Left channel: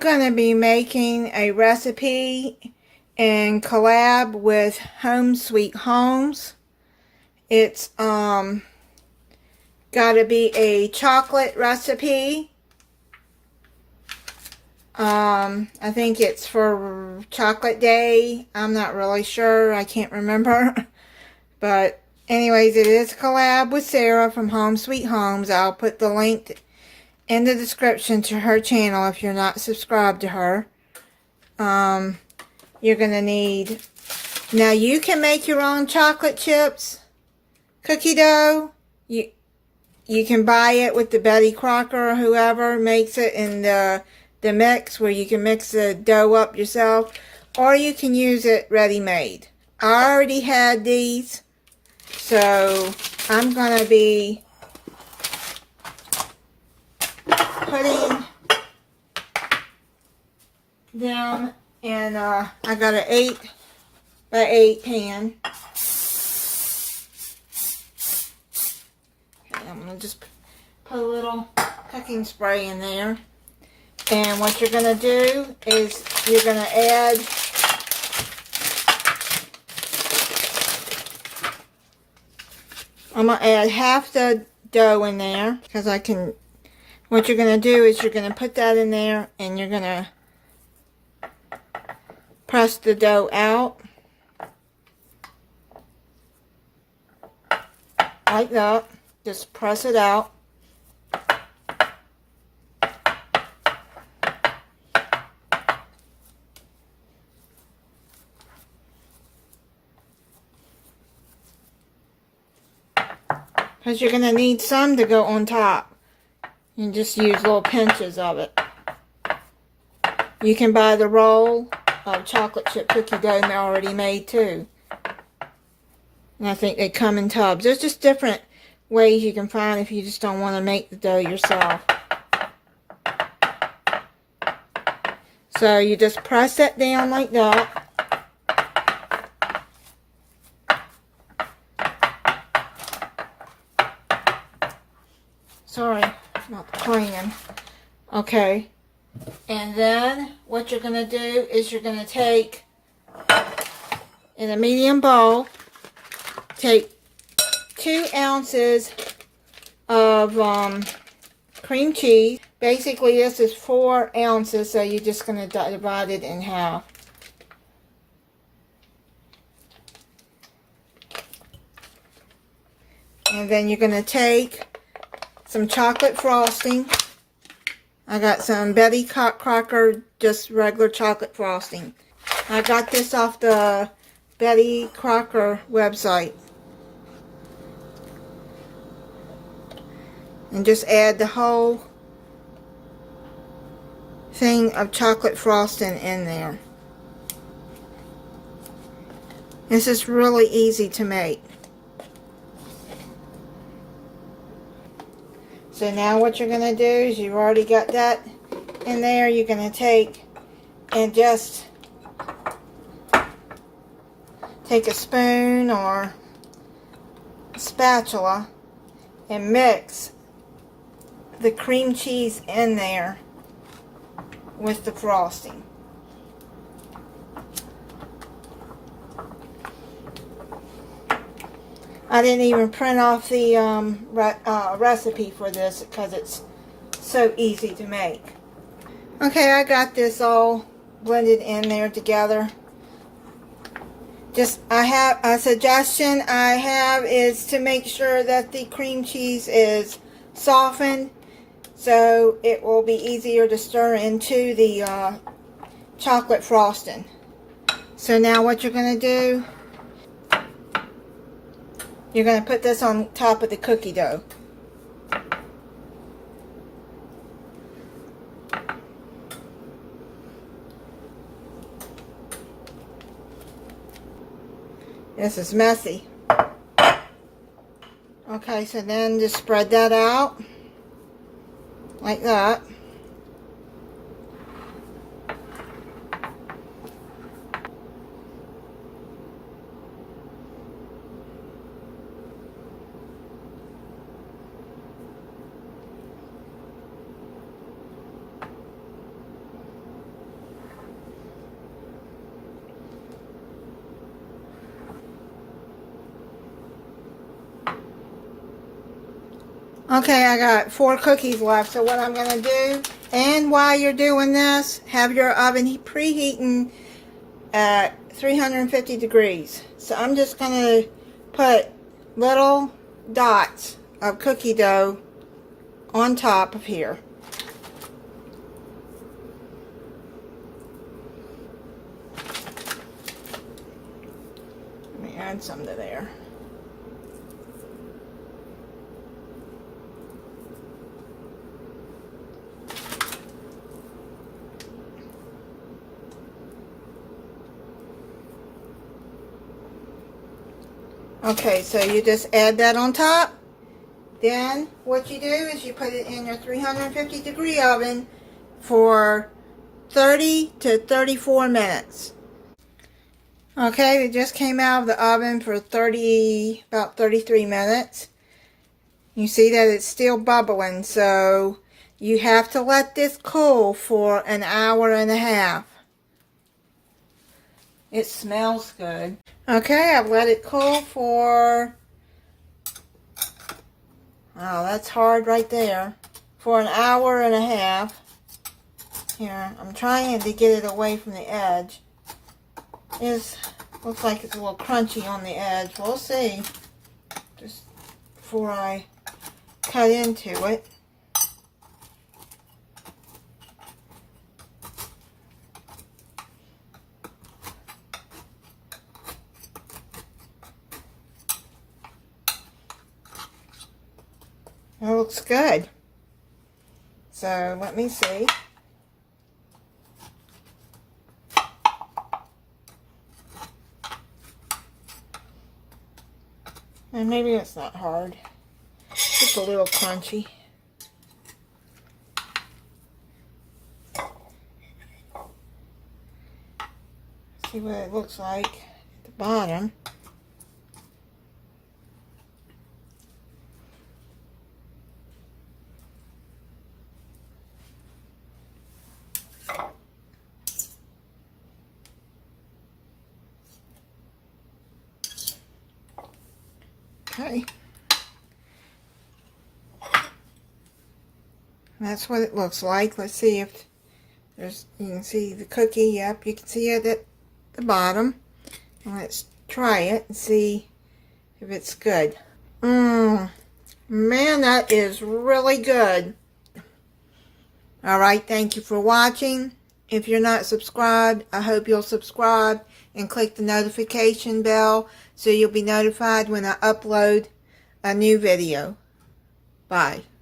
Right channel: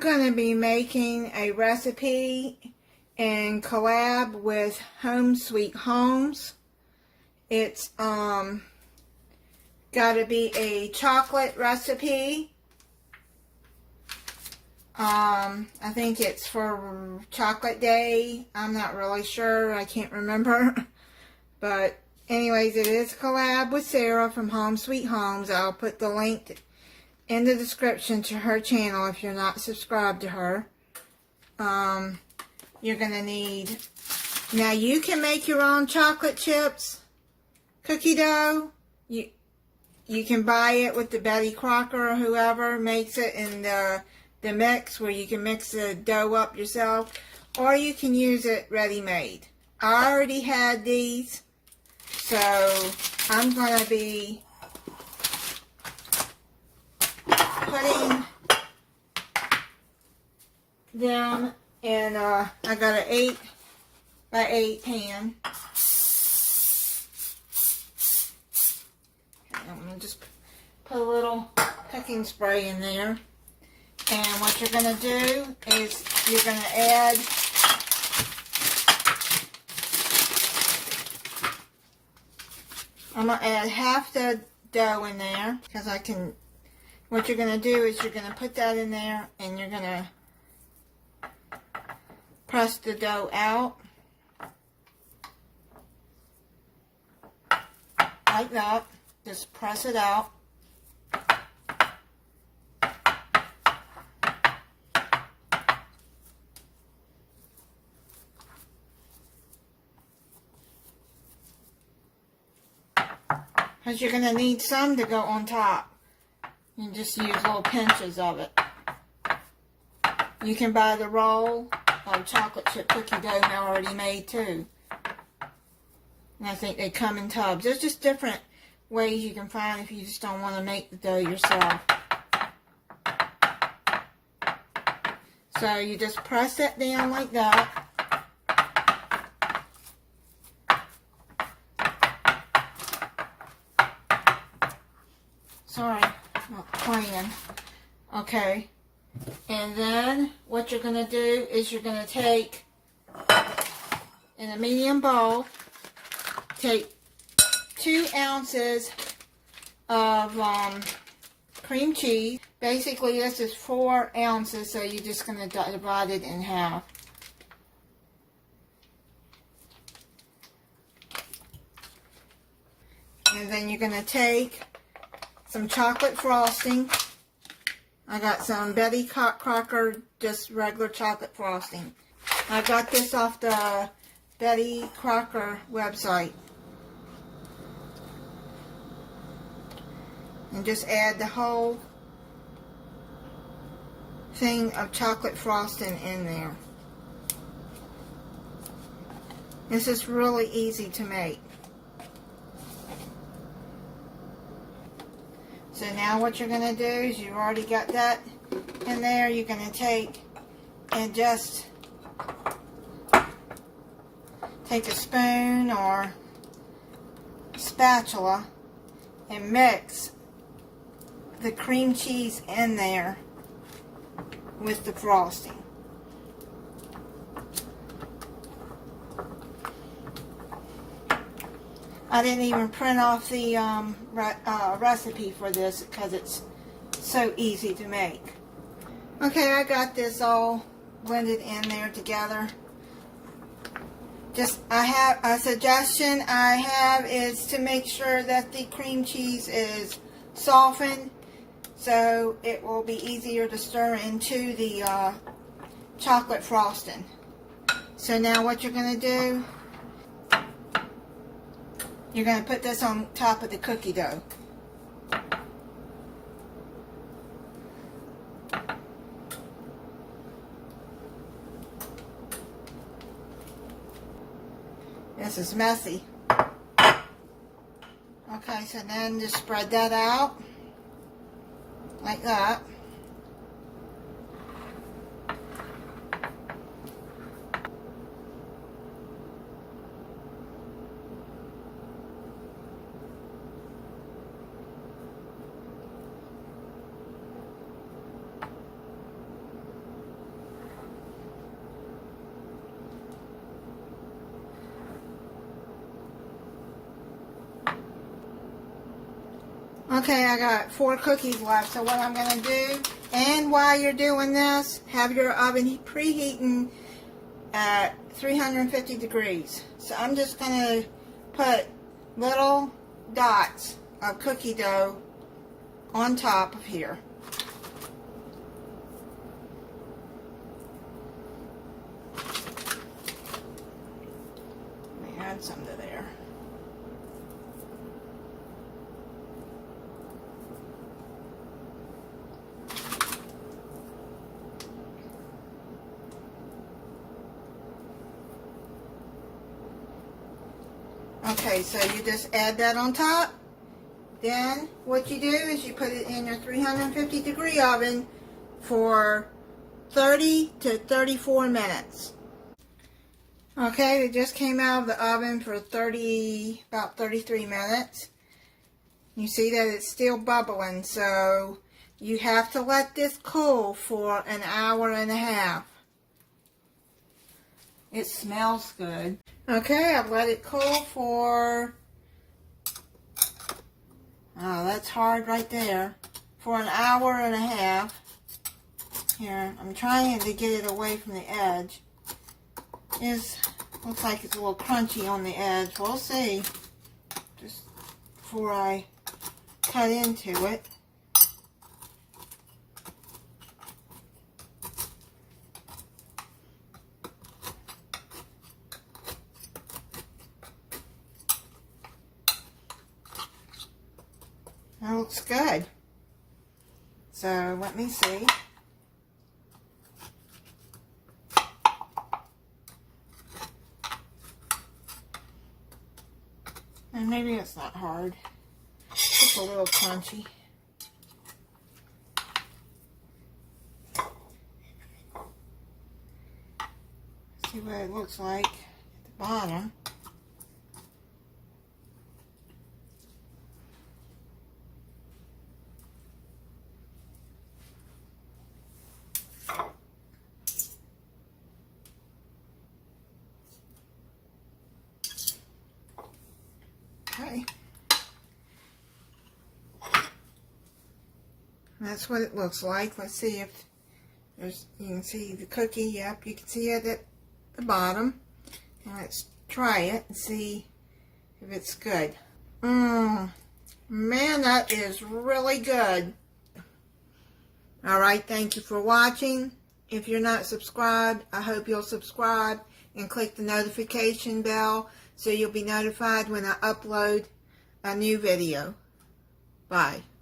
going to be making a recipe in collab with Holmes Sweet Holmes. It's got to be a chocolate recipe. I think it's for chocolate day. I'm not really sure. I can't remember. But anyways, it is a collab with Sarah from Holmes Sweet Holmes. I'll put the link in the description to her channel if you're not subscribed to her. You're going to need... Now you can make your own chocolate chips cookie dough. You can buy it with the Betty Crocker or whoever makes it in the mix where you can mix the dough up yourself, or you can use it ready-made. I already had these, so I'm going to be putting them in I got an 8 by 8 pan. Okay, I'm going to just put a little cooking spray in there. And what you're going to do is you're going to add I'm going to add half the dough in there because I can. What you're going to do is you're going to put that in there and you're going to press the dough out like that. Just press it out. Because you're going to need some to go on top. And just use little pinches of it. You can buy the roll of chocolate chip cookie dough already made too. And I think they come in tubs. There's just different ways you can find if you just don't want to make the dough yourself. So you just press that down like that. Sorry, not cleaning. Okay. And then what you're going to do is you're going to take, in a medium bowl, take 2 ounces of cream cheese. Basically, this is 4 ounces, so you're just going to divide it in half. And then you're going to take some chocolate frosting. I got some Betty Crocker, just regular chocolate frosting. I got this off the Betty Crocker website. And just add the whole thing of chocolate frosting in there. This is really easy to make. So now what you're going to do is you've already got that in there. You're going to take and just take a spoon or a spatula and mix the cream cheese in there with the frosting. I didn't even print off the recipe for this because it's so easy to make. Okay, I got this all blended in there together. Just, I have a suggestion I have is to make sure that the cream cheese is softened so it will be easier to stir into the chocolate frosting. So now what you're going to do, you're going to put this on top of the cookie dough. This is messy. Okay, so then just spread that out like that. Okay, I got 4 cookies left. So what I'm going to do, and while you're doing this, have your oven preheating at 350 degrees. So I'm just going to put little dots of cookie dough on top of here. Let me add some to there. Okay, so you just add that on top. Then what you do is you put it in your 350 degree oven for 30 to 34 minutes. Okay, it just came out of the oven for about 33 minutes. You see that it's still bubbling, so you have to let this cool for an hour and a half. It smells good. Okay, I've let it cool for, oh, that's hard right there, for an hour and a half. Here, I'm trying to get it away from the edge. Looks like it's a little crunchy on the edge. We'll see. Just before I cut into it. That looks good. So let me see. And maybe it's not hard. Just a little crunchy. See what it looks like at the bottom. Okay. That's what it looks like. Let's see if you can see the cookie. Yep, you can see it at the bottom. And let's try it and see if it's good. Man, that is really good. Alright, thank you for watching. If you're not subscribed, I hope you'll subscribe and click the notification bell so you'll be notified when I upload a new video. Bye.